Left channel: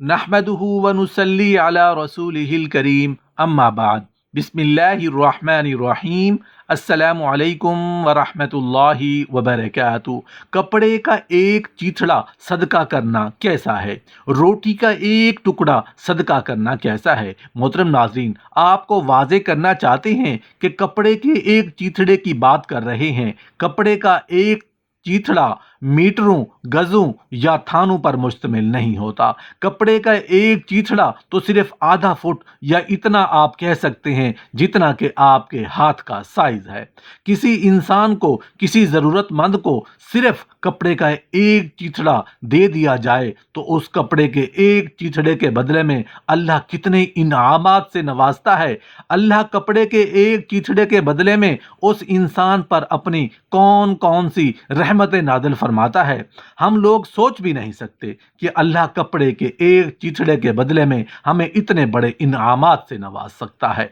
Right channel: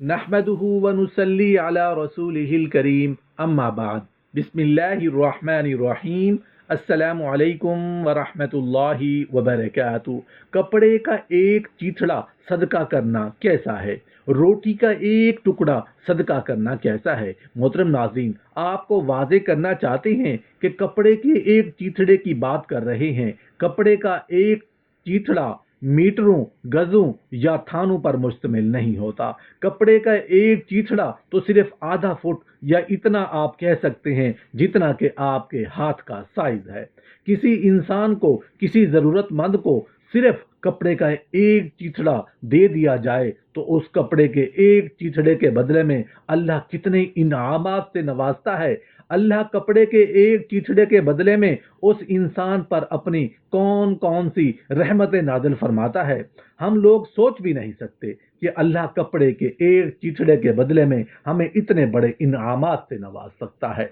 نحمدہ ونصلی علی رسولہ الکریم اما بعد بسم اللہ الرحمن الرحیم السلام علیکم ورحمۃ اللہ وبرکاتہ۔ کپڑے کا ایک چیتھڑا صدقہ کرنا کیسا ہے؟ روٹی کا ایک ٹکڑا صدقہ کرنا کیسا ہے؟ محترم ناظرین، آپ کو واضح کرنا چاہتے ہیں کہ کپڑے کے ایک چیتھڑے کی بات کر رہے ہیں۔ کپڑے کا ایک چیتھڑا میٹروں، گزوں یا تھانوں پر مشتمل نہیں ہوتا۔ کپڑے کا ایک چیتھڑا تو صرف آدھا فٹ یا اتنا آپ کہہ سکتے ہیں جتنا کہ آپ کے ہاتھ کا سائز ہے۔ کسی انسان کو، کسی ضرورت مند کو صرف کپڑے کا ایک چیتھڑا دے دیا جائے تو اس کپڑے کے ایک چیتھڑے کے بدلے میں اللہ کتنے انعامات سے نوازتا ہے۔ اللہ کپڑے کے ایک چیتھڑے کے بدلے میں اس انسان پر اپنی کون کون سی رحمتیں نازل فرماتا ہے۔ ہم لوگ سوچ بھی نہیں سکتے کہ اللہ کپڑے کے ایک چیتھڑے کے بدلے میں ہمیں اتنے بڑے انعامات سے نواز سکتا ہے۔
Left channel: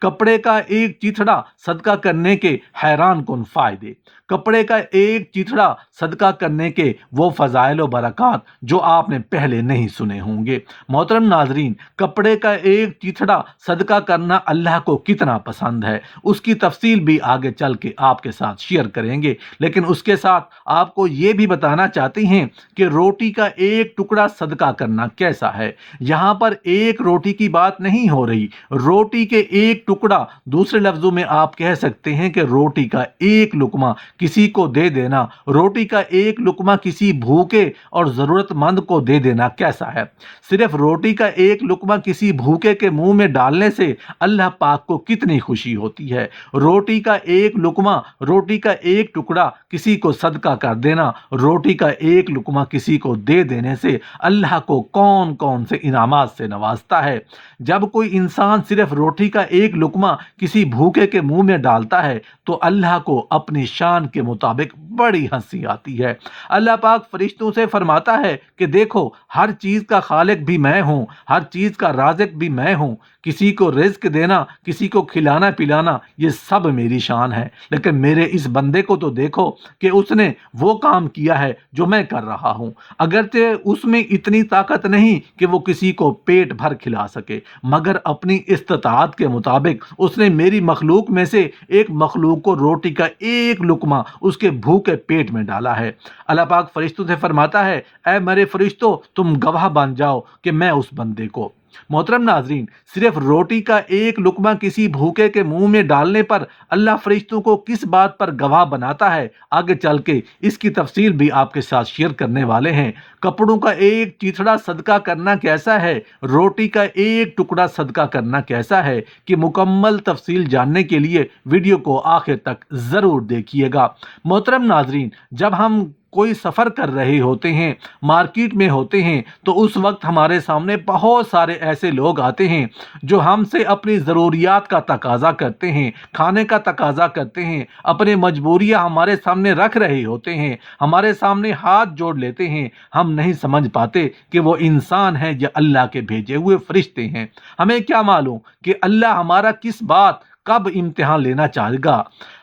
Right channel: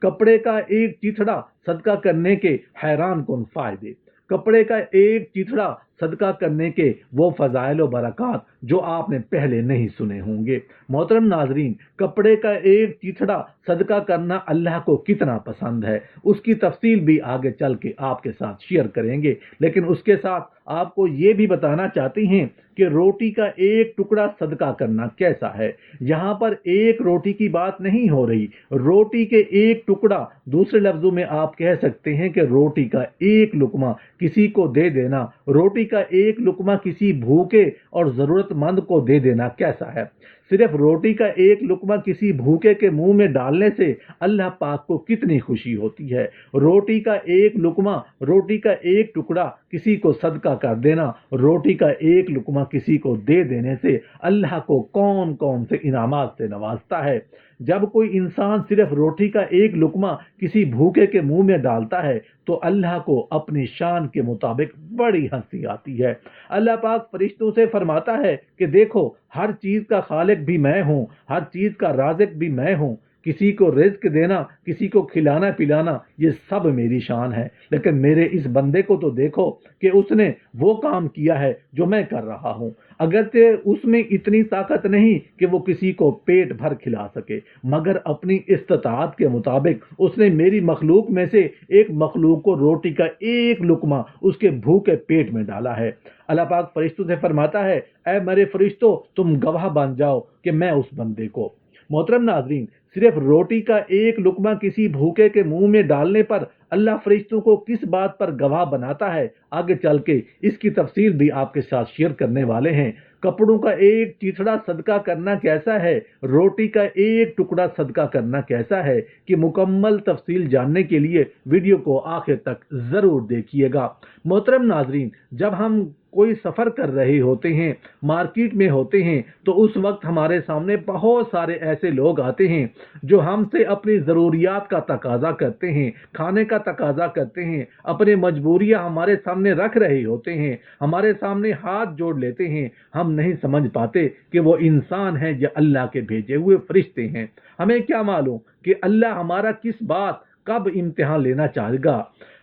کپڑے کا ایک چیتھڑا صدقہ کرنے کے حیران کن فائدے۔ کپڑے کا ایک چیتھڑا صدقہ کرنے کے وہ فضائل و برکات جو آپ نے پہلے نہیں سنے ہوں گے۔ محترم ناظرین، کپڑے کا ایک چیتھڑا صدقہ کرنا اللہ کو کتنا پسند ہے، اس کی تفصیل بھی آگے چل کے آپ کے ساتھ شیئر کریں گے، لیکن اس کے ساتھ آپ کو یہ بھی بتانا چاہتے ہیں کہ روٹی کا ایک ٹکڑا صدقہ کرنا کیسا ہے۔ یہاں پر ایک روٹی کی بات نہیں ہو رہی، روٹی کے ایک ٹکڑا، دوسرے لفظوں میں آپ کہہ سکتے ہیں کہ روٹی کا ایک لقمہ کسی کو دے دینا، روٹی کا ایک لقمہ کسی بھوکے اور ضرورت مند کو دے دینا کیسا ہے۔ صرف روٹی کا ایک لقمہ کسی بھوکے کے منہ میں ڈالنے سے اللہ پاک کو کتنی خوشی ہوتی ہے۔ روٹی کا ایک لقمہ، روٹی کا ایک ٹکڑا کسی کو صدقہ کر دینا، روٹی کا ایک لقمہ کسی کو دے دینے سے اللہ کو کون کون سے انعامات سے نوازتا ہے۔ جب کوئی انسان صرف روٹی کا ایک لقمہ کسی بھوکے کے منہ میں ڈالتا ہے تو اللہ کو اپنی شان کے مطابق بڑی ہنسی آتی ہے۔ اللہ پاک فرشتوں سے فرماتا ہے کہ دیکھو، ہر چیز کا خالق بھی میں ہوں، ہر چیز کا رازق بھی میں ہوں، کسی کو رزق دینا، کسی کو کھلانا پلانا، یہ سب میری شان ہے، لیکن میرے اس بندے کو تو دیکھو کہ اس نے وہ کام کیا ہے جو میں کر رہا ہوں۔ اگرچہ اس میں اتنی طاقت نہیں کہ وہ کسی کو پیٹ بھر کھلا سکے، مگر اپنی استطاعت کے مطابق اس نے میری مخلوق میں سے ایک مخلوق کو روٹی کا ایک لقمہ اس کے بھوکے پیٹ میں ڈالا ہے۔ اللہ پاک فرشتوں سے فرماتا ہے، اے میرے فرشتوں، تم گواہ بن جاؤ کہ میں اس بندے کو۔ محترم ناظرین، صرف روٹی کا ایک لقمہ کسی بھوکے کے منہ میں ڈالنے پر اللہ فرشتوں کو کس بات پر گواہ بناتا ہے، آگے چل کے اس کی تفصیل بھی آپ کے ساتھ شیئر کرنے والے ہیں۔ کپڑوں کا ایک چیتھڑا صدقہ کرنا کیسا ہے، روٹی کا ایک ٹکڑا صدقہ کرنا کیسا ہے، کہ مکمل تفصیل جاننے کے لیے ویڈیو کو آخر تک ضرور دیکھیے گا۔ محترم ناظرین، جب ہم کوئی سفر کر رہے ہوتے ہیں، مارکیٹ میں ہوتے ہیں، تو اس وقت ہمارے سامنے بہت سارے ایسے لوگ آتے ہیں جو ہم سے اپنی ضروریات کا تقاضا کرتے ہیں، کھانے کا تقاضا کرتے ہیں، اپنے مجبوریاں ہمارے سامنے رکھ رہے ہوتے ہیں، ہمارے سامنے ہاتھ جوڑ لیتے ہیں۔ ہم نہیں سمجھ پاتے کہ وہ انسان ہیں یا اللہ کے بھیجے ہوئے فرشتے ہیں۔ ہمیں کیا معلوم کہ اللہ ہمارا کس بات، کب امتحان لینا چاہے گا؟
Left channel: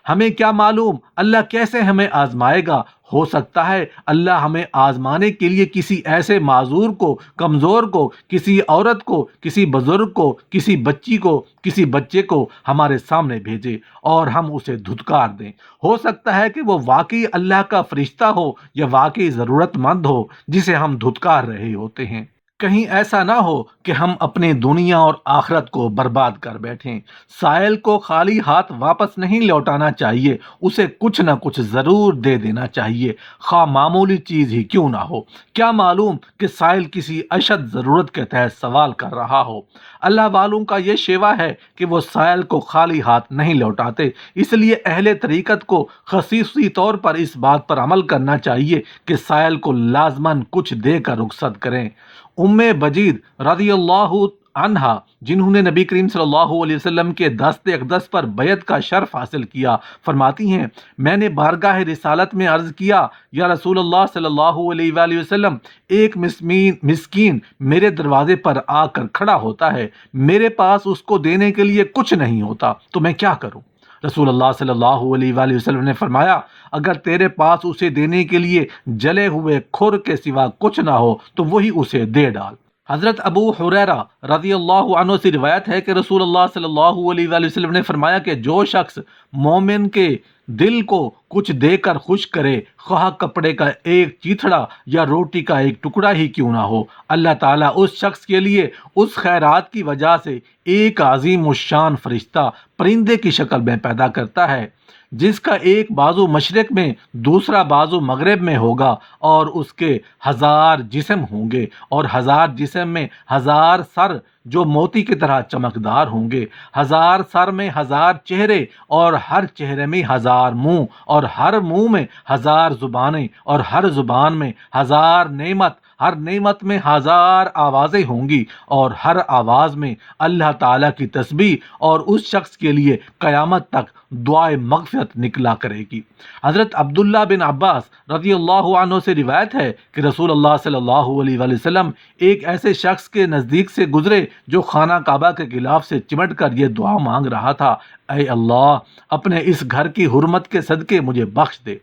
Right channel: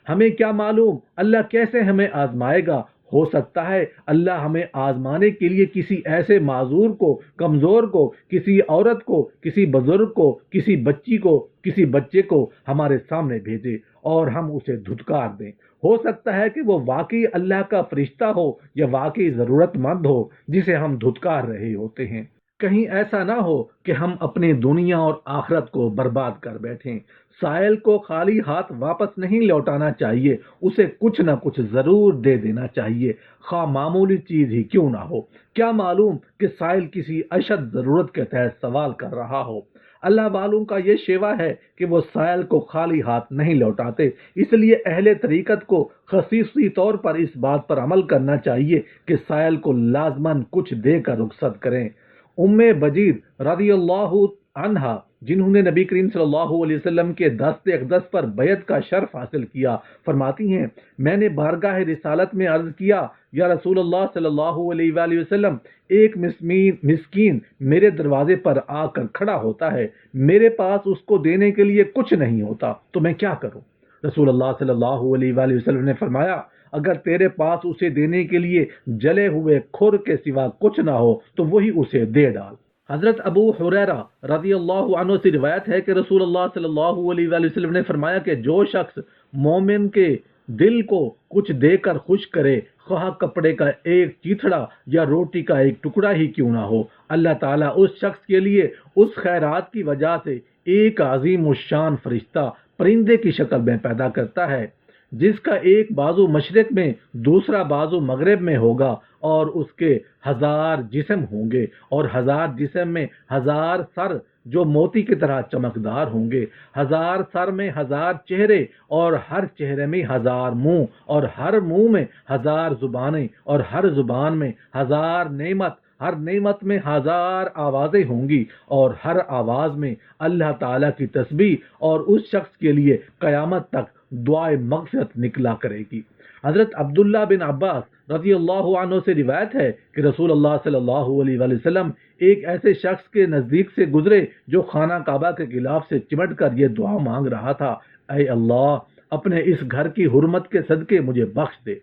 ہمیں کیا معلوم اللہ کیسے ہمیں آزمائے گا؟ ہو سکتا ہے اللہ ہمیں آزمانے کے لیے کسی ایسے معذور کو، کمزور کو، کسی عورت کو، کسی بزرگ کو، کسی بچی کو، کسی بچے کو ہمارے سامنے بھیجے اور ہم اسے دھتکار دیں۔ ہو سکتا ہے کہ وہ واقعی اللہ کا فرشتہ ہو یا واقعی ضرورت مند ہو جسے ہم دھتکار رہے ہوتے ہیں۔ کہیں ایسا نہ ہو کہ ہم اپنی دنیا اور آخرت کو برباد کر بیٹھیں۔ سائل کو خالی ہاتھ واپس نہیں لوٹانا چاہیے، اسے کچھ نہ کچھ ضرور دے دینا چاہیے، خواہ معمولی چیز ہی کیوں نہ ہو۔ کیا معلوم کہ سائل کسی اشد ضرورت کے تحت سوال کر رہا ہو۔ اللہ والوں کا یہ شیوا ہے کہ وہ سائل کو خالی ہاتھ نہیں لوٹاتے، اس لیے اہل طریقت کو خصوصی طور پر اس بات پر عمل کرنا چاہیے کہ سائل کو لازماً کچھ دے کر رخصت کریں۔ ام بجید رضی اللہ عنہا، جنہوں نے نبی کریم صلی اللہ علیہ وسلم کے دست اقدس پر بیعت کا شرف حاصل کیا، فرماتی ہیں، میں نے بارگاہ رسالت میں عرض کیا، یا رسول اللہ صلی اللہ علیہ وآلہ وسلم، ایک مسکین میرے دروازے پر آ کر کھڑا ہوتا ہے، میرے پاس اس کو دینے کے لیے کچھ نہیں ہوتا، تو میں کیا کروں؟ رسول اللہ صلی اللہ علیہ وآلہ وسلم نے فرمایا، اگر تیرے پاس اسے دینے کے لیے جلے ہوئے کھر کے سوا کچھ نہ ہو تو وہی اسے دے ڈال۔ حضرت ابو حریرہ رضی اللہ عنہ سے روایت ہے کہ رسول اللہ صلی اللہ علیہ وآلہ وسلم نے فرمایا کہ جو شخص مومن کے دل کو کچھ دے کر خوش کرے، خواہ کپڑے کا ایک چیتھڑا یا روٹی کا ایک ٹکڑا ہی کیوں نہ ہو، اللہ تعالیٰ اس شخص کے لیے اس خیرات کی وجہ سے ایک عظیم الشان فرشتہ پرندے کی شکل میں پیدا کرتا ہے، جس کا ایک بازو مشرق میں دوسرا بازو مغرب میں ہوگا، اور اس کے 1000 جسم ہوں گے، اور 1000 جسم میں 1000 سر جو موتی کی طرح چمکدار ہوں گے، 1000 سر میں 1000 چہرے، اور ہر چہرے میں 1000 منہ، اور ہر منہ میں 1000 زبانیں، اور ہر زبان میں 1000 نعمت، ہر نعمت میں 1000 آوازیں ہوں گی، اور ہر آواز میں اللہ تعالیٰ کی تسبیح، اور اس شخص کے لیے قیامت تک دعائے مغفرت نکلا کرے گی۔ حضرت عبداللہ بن عباس رضی اللہ عنہ سے روایت ہے کہ رسول اللہ صلی اللہ علیہ وآلہ وسلم ایک ایسے شخص کے نزدیک سے گزرے جو خانہ کعبہ کے غلاف سے چمٹ کر یہ دعا مانگ رہا تھا، اے اللہ، اپنے اس گھر کی حرمت کے صدقے مجھے بخش دے۔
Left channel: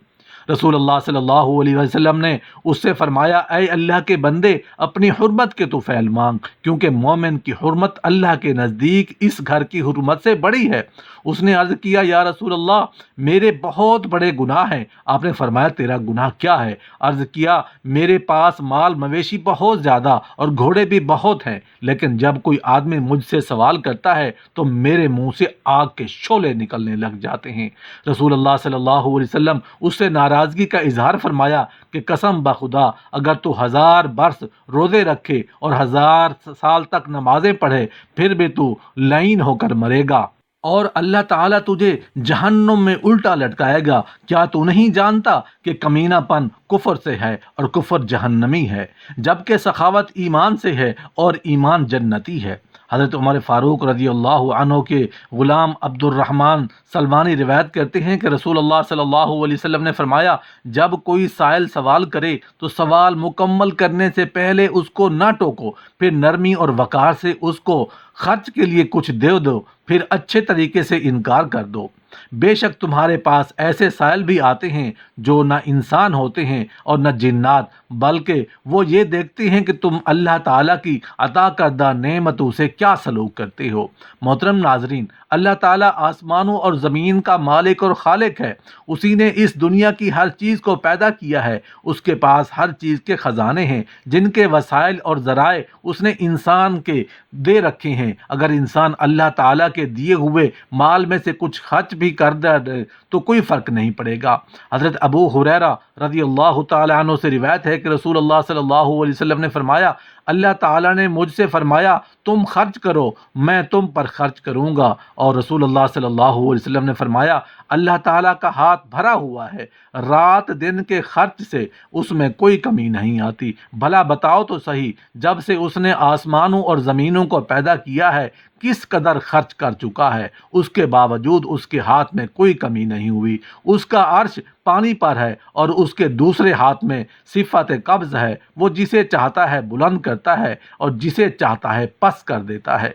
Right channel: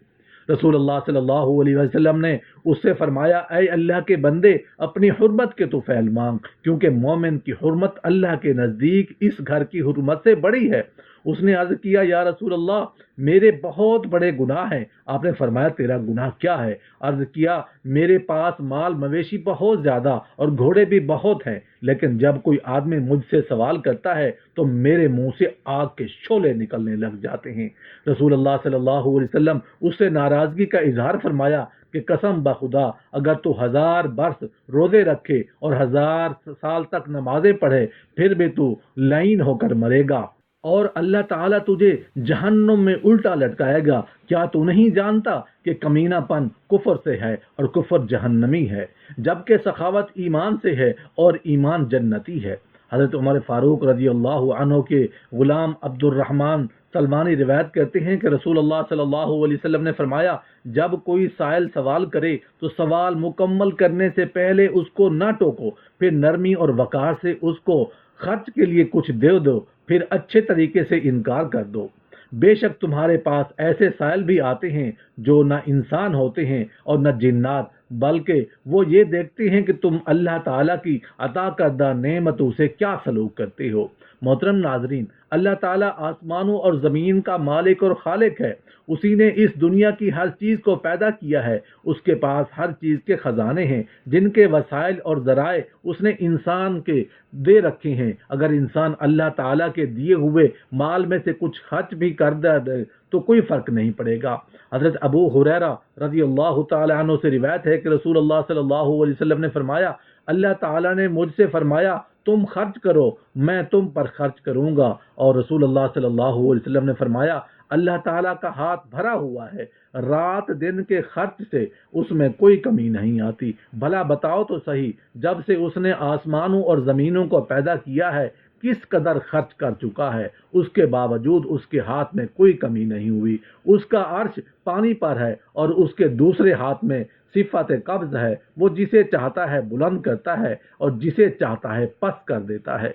رسول اللہ صلی اللہ علیہ وسلم نے اس سے فرمایا، اے اللہ کے بندے، اپنی حرمت کے تو فعل مانگ، کیونکہ مومن کی حرمت اللہ کے نزدیک اس گھر کی حرمت سے بڑی ہے۔ اس نے عرض کیا، یا رسول اللہ، میرے بہت بڑے گناہ ہیں۔ آپ نے فرمایا، تیرا گناہ کیا ہے؟ عرض کیا، میرے پاس مال مویشی بہت زیادہ اور گھوڑے بھی بہت ہیں، لیکن جب کوئی آدمی مجھ سے سوال کرتا ہے تو میرے منہ سے آگ کے شعلے نکلنے لگ جاتے ہیں۔ رسول اللہ صلی اللہ علیہ وسلم اس سے ناراضگی کا اظہار فرمایا کہ قسم بخدا، اگر تو 1000 برس روزے رکھے اور 1000 سال تک نمازیں پڑھے، پھر بھی تو لعین ہو کر مرے گا، اور اللہ تعالیٰ تجھے جہنم میں الٹا لٹکائے گا۔ کیا تو نہیں جانتا کہ کمینہ پن کفر سے ہے اور کفر جہنمی ہے، جبکہ سخاوت ایمان سے ہے اور ایمان جنتی ہے۔ حضرت عمر فاروق رضی اللہ عنہ کے غلام عبد الرحمن سلمانی روایت کرتے ہیں کہ رسول اللہ صلی اللہ علیہ وسلم نے فرمایا، جب کوئی سائل سوال کرے تو سوال مکمل کرنے سے پہلے اس کو نہ ٹوکو، پھر نرمی اور وقار سے اس کو خرچ کے لیے کچھ دے دو، پھر اچھے طریقے سے انکار کر دو۔ بے شک تمہارے پاس ایسے سائل بھی آتے ہیں جو نہ انسان ہوتے ہیں اور نہ جنات، بلکہ وہ یہ دیکھتے ہیں کہ تم اللہ تعالیٰ کی عطا کردہ نعمتوں سے کیا سلوک کرتے ہو۔ محترم ناظرین، اللہ تعالیٰ آسمانوں اور زمین کا مالک اور خالق ہے۔ اسی نے اس دنیا کی ہر چیز کو پیدا کیا ہے۔ اس کے پاس ہر چیز کے خزانے ہیں، جن کے وسائل اور ذرائع اس نے انسان کے دے رکھے ہیں۔ اگر انسان اللہ تعالیٰ کے دیے ہوئے مال میں سے کچھ خرچ بھی کر دے تو کوئی فرق نہیں پڑے گا۔ حضرت ابو حریرہ رضی اللہ تعالیٰ عنہ سے روایت ہے کہ رسول اللہ صلی اللہ علیہ وسلم نے فرمایا، اللہ تعالیٰ نے مجھ سے فرمایا، تم خرچ کرو، میں تم پر خرچ کروں گا، اور رسول اللہ صلی اللہ علیہ وسلم نے فرمایا، اللہ تعالیٰ کا ہاتھ بھرا ہوا ہے، رات دن کے خرچ سے اس میں کوئی کمی نہیں آتی۔ بھلا بتاؤ تو صحیح، جب سے اس نے آسمانوں اور زمینوں کو پیدا کیا ہے کس قدر خرچ کر چکا ہے، اس کے باوجود اس کے ہاتھ میں کوئی کمی نہیں ہوئی۔ اس کا عرش پانی پر ہے اور اس کے دوسرے ہاتھ میں صفت قبض ہے، وہ جسے چاہتا ہے بلند کرتا ہے اور جسے چاہتا ہے پست کر دیتا ہے۔